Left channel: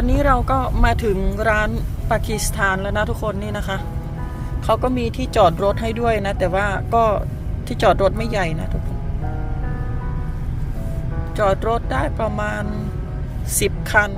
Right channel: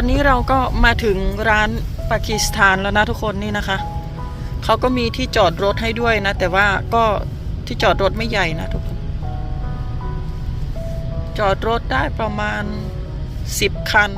อนนี้เราก็มาถึงร้านปากีสถานแล้วนะทุกคนนี่นะคะ เขาก็มีที่จอดรถให้ด้วยนะ แต่ว่าก็ที่จอดรถไม่ใหญ่นะทุกคน จอดรถได้ประมาณ 10 คัน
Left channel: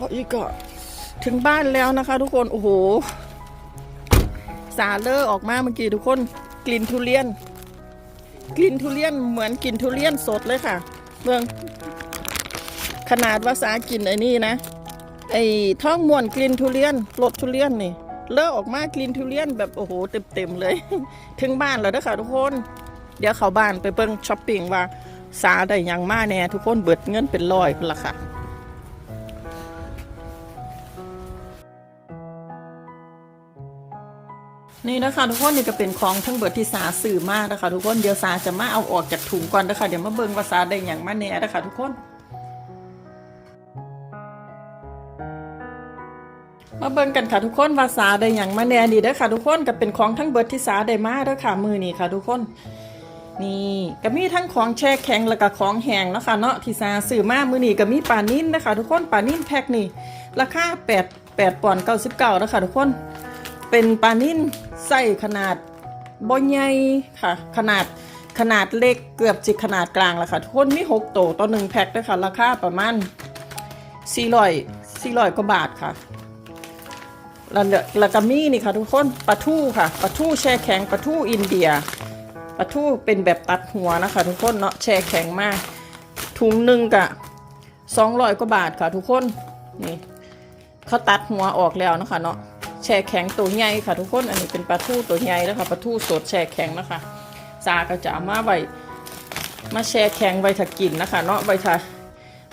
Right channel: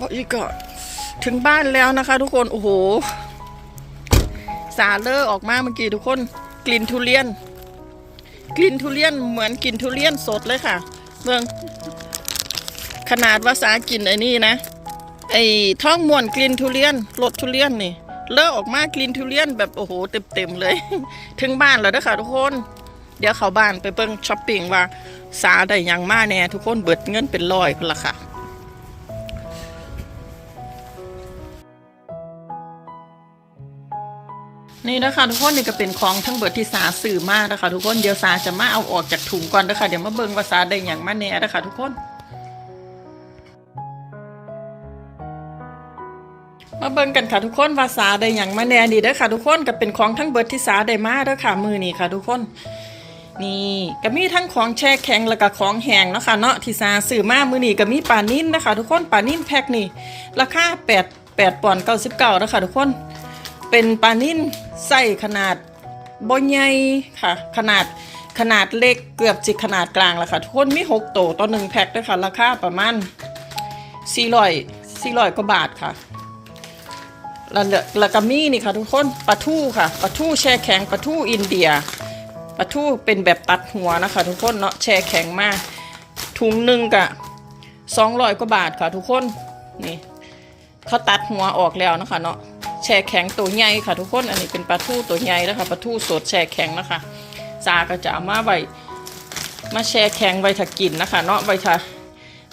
บอกอีกก่อนถึงบ้านแล้วนะคะ ทุกคน โอ้โห สาเลอร์ออกมาเมื่อกี้ทุกคน กลิ่นทุเรียน กลิ่นทุเรียนเหมือนกลิ่นทุเรียนสดเลยค่ะ เมือง ขนาดว่าสากินไอ้นี่นะ ไอ้ท้องม่วนกลิ่นทุเรียนรสทุเรียนนี่ เลอะออกมากลิ่นทุเรียนแบบโอ้โหเต็มๆเลย ถึงบ้านแล้วเด้อค่ะทุกคน เดี๋ยวเข้าบ้านไปเบิ่งช้อปปิ้งว่าสาได้ยังมาแน่ทุกคนเบิดเงินเป็นร้อยพุ่นละค่ะ นี่นะคะทุกคนนี่ก็เป็นของทั้งเบิดที่สาสื่อมากนะคะทุกคนเดี๋ยวสาจะมาเอาออกจากถุงก่อนนะคะเดี๋ยวมาเบิ่งว่าสาได้หยังมาแน่นะคะทุกคนมาเบิ่งกันค่ะทุกคนว่าสาได้หยังมาแน่ดีเด้อค่ะทุกคนก็เป็นของทั้งเบิดที่สาได้มาเด้อค่ะมือนี่ค่ะ ทุกคนนี่ก็มีทั้งของแช่แข็งแล้วก็ของแห้งเนาะค่ะเนาะที่สาซื้อมามือนี่ก็มีปลานิ่นนะคะ ทุกคนปลานิ่นแพ็คนี่ราคา8 8ปดปอนด์99นะคะทุกคนเป็นปลานิ่น ไส้ขนาดบ่ใหญ่ค่ะ ขนาดขนาดเล็กเกือบจิขนาดกลางแล้วค่ะ ทุกคนมี6โตวต่อ1แพ็คด้วยค่ะ ราคาประมาณ400 400กว่าบาทค่ะแล้วเลอแล้วก็มีนี่ค่ะ ทุกคนปลาทูค่ะปลาทูแช่แข็งปลาทูอินเดียปลาทูเป็นแบบตัดหัวนะคะ ทุกคนเนาะแช่แข็งมาก ถุงหนึ่งกะสองร้อยกว่าบาทค่ะ ทุกคนนี่เขาตัดหัวออกแล้วนะคะเนาะ แช่แข็งตัวใหญ่ค่ะ ทุกคนอันนี้เป็นปลาทูตัวใหญ่นะคะปลาทูสดแช่แข็งนะคะซาก็จะเอามาไว้มาแช่แข็งไว้ถ้ากินนะคะ เนาะไว้ถ้า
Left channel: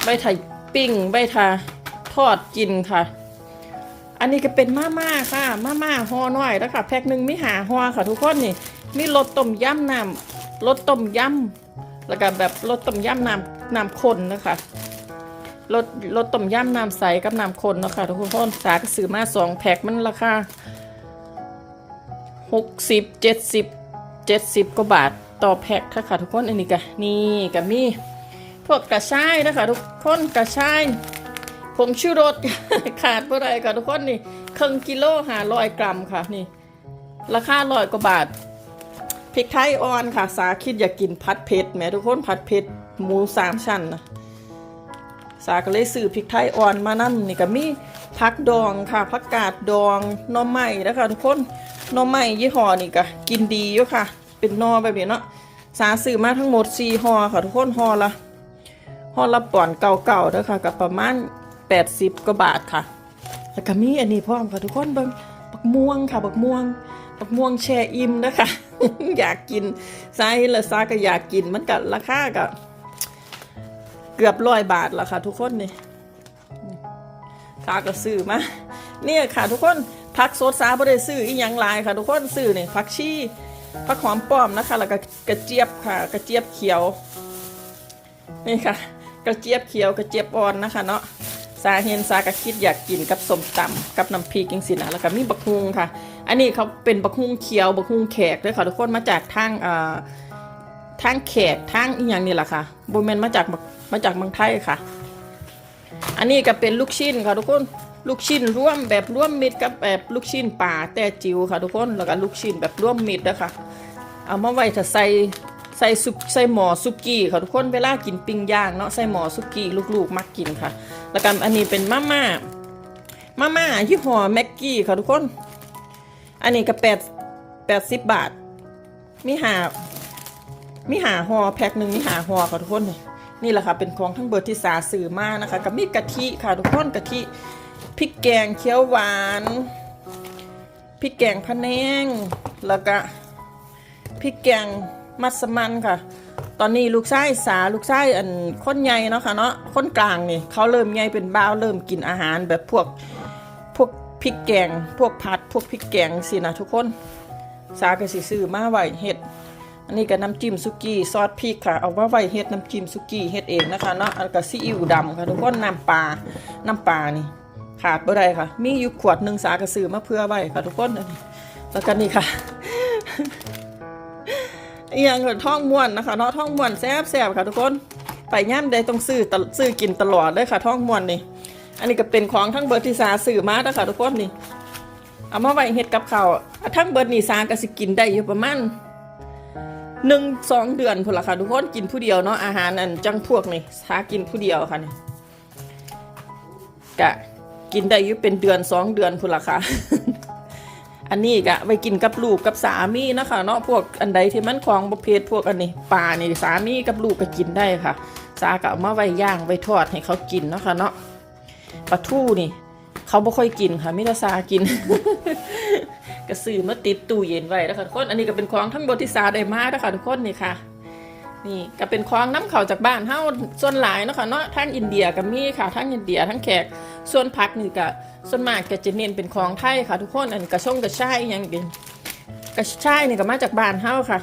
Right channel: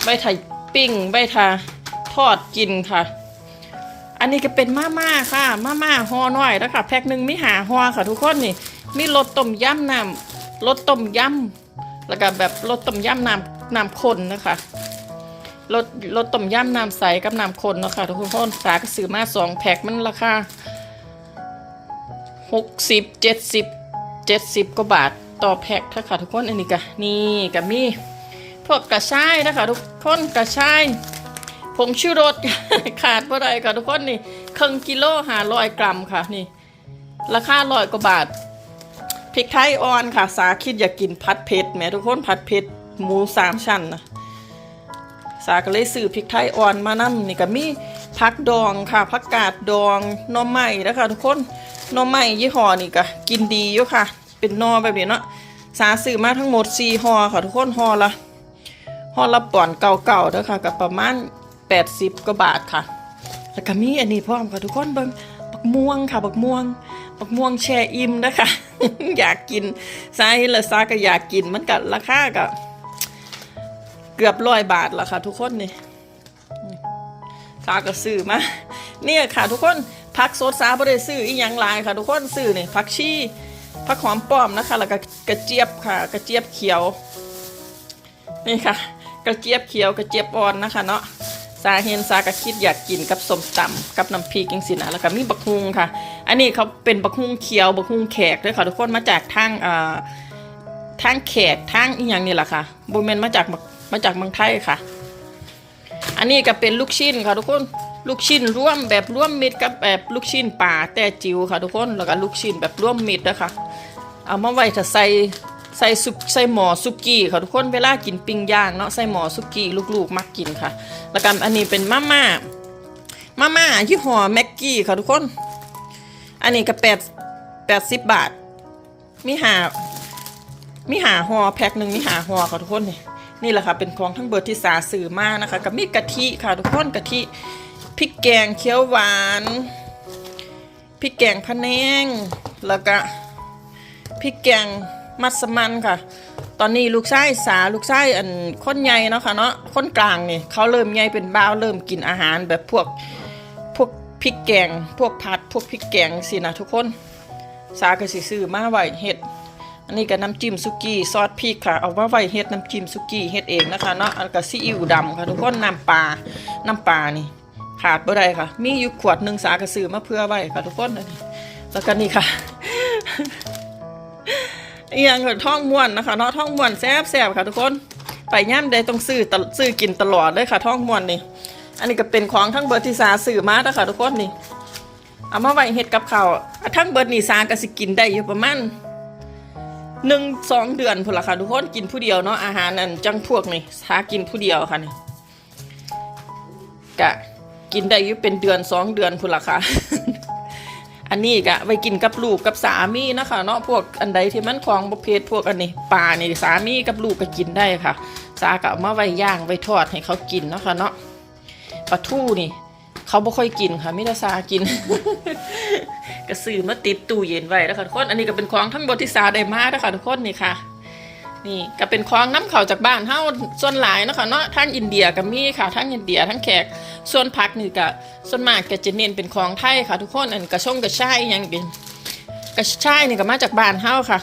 ไว้ถ้าปิ้งไว้ถ้าทอดกินค่ะ อันนี้ก็เป็นมาม่าค่ะมาม่าห่อน้อยแล้วค่ะแพ็คหนึ่งมีหาห่อค่ะ ทุกคนนี่มีรสต้มยำน้ำรสต้มยำแล้วก็แบบรสต้มยำน้ำน้ำข้นนะคะ รสรสต้มยำน้ำใสกับน้ำข้นเนาะคะทุกคนสากซื้อมาสองแพ็คมันราคาหกสิบเจ็ดสิบเจ็ดสิบกว่าบาทต่อแพ็คค่ะทุกคนอันนี้ก็นี่ก็มีพวกกระชายนะคะทุกคนกระชายผงชูรสขาดเมื่อไรค่ะทุกคนนี่ครึ่งกิโลหาร้อยกรัมค่ะนี่ ราคาร้อยกว่าบาทพริกไทยอ่อนค่ะ สาคิดอยากกินผัดเผ็ดแหม่ทุกคนผัดเผ็ดหมูสามชั้นนะ สาก็เลยซื้อพริกไทยอ่อนมานั่นี่ก็มีผักดองค่ะผักกาดดองหน่อไม้นะคะทุกคนหน่อไม้ยี่ห้อนี่ก็กินดีอยู่ค่ะ เป็นหนอแบบนี้เนาะสาซื้อมาทั้งหมดสี่ห่อค่ะทุกคนห่อละห่อละป่อนเก่าๆเด้อค่ะกับประมาณ80กว่าบาทค่ะแล้วก็มีอันนี้พร้อมค่ะทุกคนเบิ่งบักม่วงค่ะบักม่วงบักม่วงแช่อิ่มนะคะ อยากกินซาฮิละซาก็อยากกินมันก็ราคาก็ เกือบร้อยบาทแล้วค่ะ ทุกคนนี่ซาก็ซื้อมาเนี่ยค่ะ ทุกคนผักสดซาบ่ได้ซื้ออีหยังลายค่ะ ทุกคนซื้อนี่ผักชีผักหอมป้อมนะคะ แล้วก็กระเจี๊ยบค่ะ กระเจี๊ยบเขียว นี่ค่ะ กระเจี๊ยบเขียวกระเจี๊ยบอ่อนนะคะ เนาะสาเห็นสากระคิดอยากกินกับสมตำกับน้ำพริกจังสินะแล้วก็มีบักฮุงค่ะ อันนี้เขาเป็นบักฮุงเขียวบักฮุงแขกด้วยค่ะทุกคนมาจากทางเอ่อทางแขกทางอีหยังนี่แหละค่ะบูเมนมาจาก มาจากเมืองไทยค่ะ อันนี้ก็เป็นลูกชิ้นค่ะทุกคนลูกชิ้นร่วมแบบร่วมมิตรกับแบบลูกชิ้นป่าแต่จิ๋วค่ะทุกคนแล้วก็ลูกชิ้นแบบร่วมมิตรนะคะเอามาไว้ถ้าใส่ใส่ซุปใส่หมอซุกี้ค่ะทุกคนเวลากินปิ้งย่างเนาะใส่หมอซุกี้ลูกๆ มักกินค่ะ แล้วกันอันนี้เป็นมาม่ามาม่ายี่ห้อแม็กกี้ค่ะทุกคน อันนี้ก็แปดแปดสิบบาท มีหามีหาห่อแพ็คหนึ่งมีหาห่อค่ะทุกคนนี่ นี่แหละค่ะเป็นของทั้งเบอร์ที่สาสื่อมากนะคะกับมีกะทิค่ะทุกคนกะทิพริกแกงเขียวหวานพริกแกงพะแนงแล้วก็พริกแกงมัสมันค่ะ ตอนนี้ลูกชายสาลูกชายอันค้นใหญ่เนาะค่ะเนาะค้นกลางนี่เขาเริ่มใหญ่เป็นบ้าวเริ่มกินอาหารแบบพวกพวกพริกแกง พวกผัด พวกพริกแกงสินะทุกคน สาก็สิซื้อมาไว้เฮ็ด นนี้ก็น้ำจิ้มซุกี้ซอสพริกค่ะ เอามาไว้เฮ็ดน้ำจิ้มซุกี้เฮ็ดเองนะคะเนาะแล้วก็ซีอิ๊วดำค่ะทุกคนน้ำปลา น้ำปลานี่ขาดบ่ได้ค่ะ มีอยู่ขวดหนึ่งสาก็ซื้อมาเพื่อไว้ค่ะทุกคนแล้วก็นี่ค่ะเอียงก็ท่องม่วนนะคะเนาะท่องม่วนแซ่บแซ่บค่ะทุกคนไปย่ำใดต้องซื้อซื้อกินตลอดเลยค่ะท่องม่วนนี่อันนี้ก็เป็นของทั้งเบิร์ที่สาซื้อมาแล้วค่ะทุกคนนี่เอามาไว้เฮ็ดกับข้าวทั้งเบิร์นี่สาก็สิกินได้อยู่ประมาณ หนึ่งสองเดือนพุ่นละค่ะทุกคนกินผู้เดียวเนาะอาหารอันจังพวกนี่สากินผู้เดียวค่ะนี่กะกินได้อยู่เป็นเดือนสองเดือนพุ่นละค่ะ อันนี้กะไว้กินกับลูกกับสามีนะคะเนาะพวกอันใดที่มันของประเภทพวกอันนี้ปลานี่สามีกับลูกก็กินได้ค่ะ สากะเอามาไว้ย่างไว้ทอดให้เขากินเนาะคะเนาะปลาทูนี่ เขาบ่ค่อยกินค่ะมิตรสากินก็ซื้อมาติดตู้เย็นไว้แล้วค่ะทุกคนอันนี้ก็เป็นของทั้งบทที่สาได้มาแล้วค่ะทุกคนนี่ค่ะ นี่ก็เป็นของน้ำเข่าจากบ้านเฮาส่วนหลายนะค่ะเนาะทั้งอินเดียก็มีค่ะทั้งอินเดียทั้งแขกส่วนผักนี่ก็ส่วนมากก็จะเน้นเป็นของไทยค่ะ ทุกคนอันกระช่งกระช่ายอหยังเป็นกระช่ายนี่ก็มาจากบ้านเฮาค่ะ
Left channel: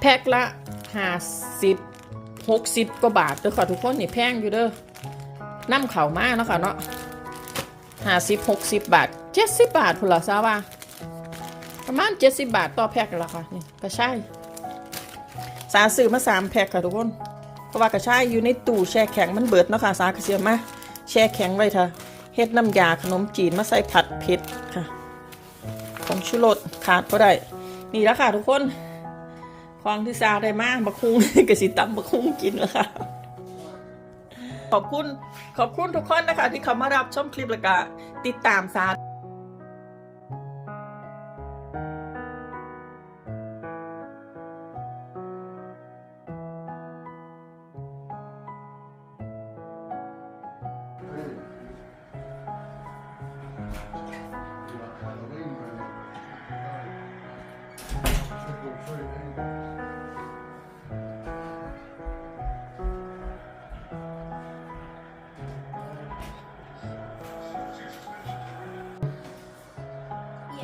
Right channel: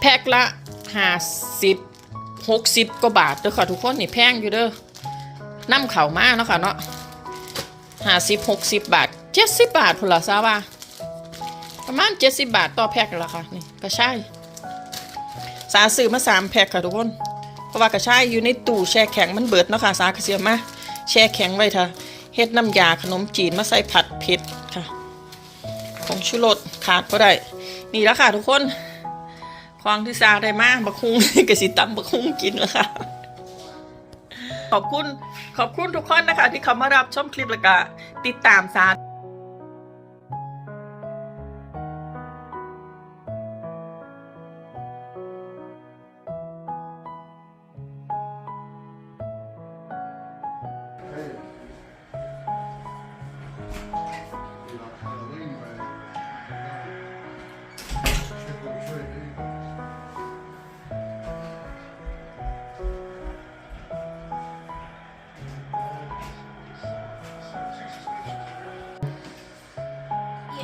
แพ็คละห้าสิบหกสิบกว่าบาทเด้อค่ะทุกคนนี่แพงอยู่เด้อน้ำเข่ามาเนาะค่ะเนาะ ห้าสิบหกสิบบาทเจ็ดสิบบาทพุ่นละซาว่าประมาณเจ็ดสิบบาทต่อแพ็คละค่ะนี่กระชายสาซื้อมาสามแพ็คค่ะทุกคน เพราะว่ากระชายอยู่ในตู้แช่แข็งมันเบิดเนาะค่ะสากระเสียมาแช่แข็งไว้เถอะเฮ็ดน้ำยาขนมจีนมาใส่ผัดเผ็ดค่ะของชูรสขาดก็ได้ นี่แล้วค่ะทุกคนของที่ซาได้มากบักคุงกระสิตำบักคุงกินแล้วค่ะ ขอบคุณขอบคุณทุกคนนะคะ ที่เข้ามารับชมคลิปแล้วก็ติดตามซา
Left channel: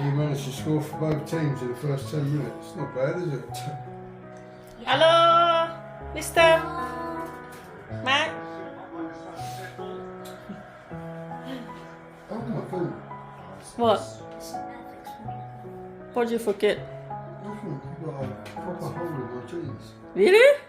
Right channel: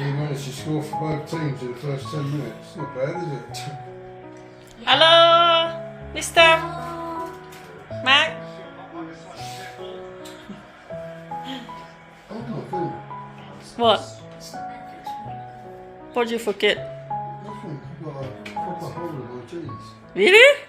He managed to score for both teams in the first 10 minutes. Not bad, is it? Hello, Mr. Mac. Oh my god. What? What did you forget? Nothing. I've got a proper hole in my jeans. Really?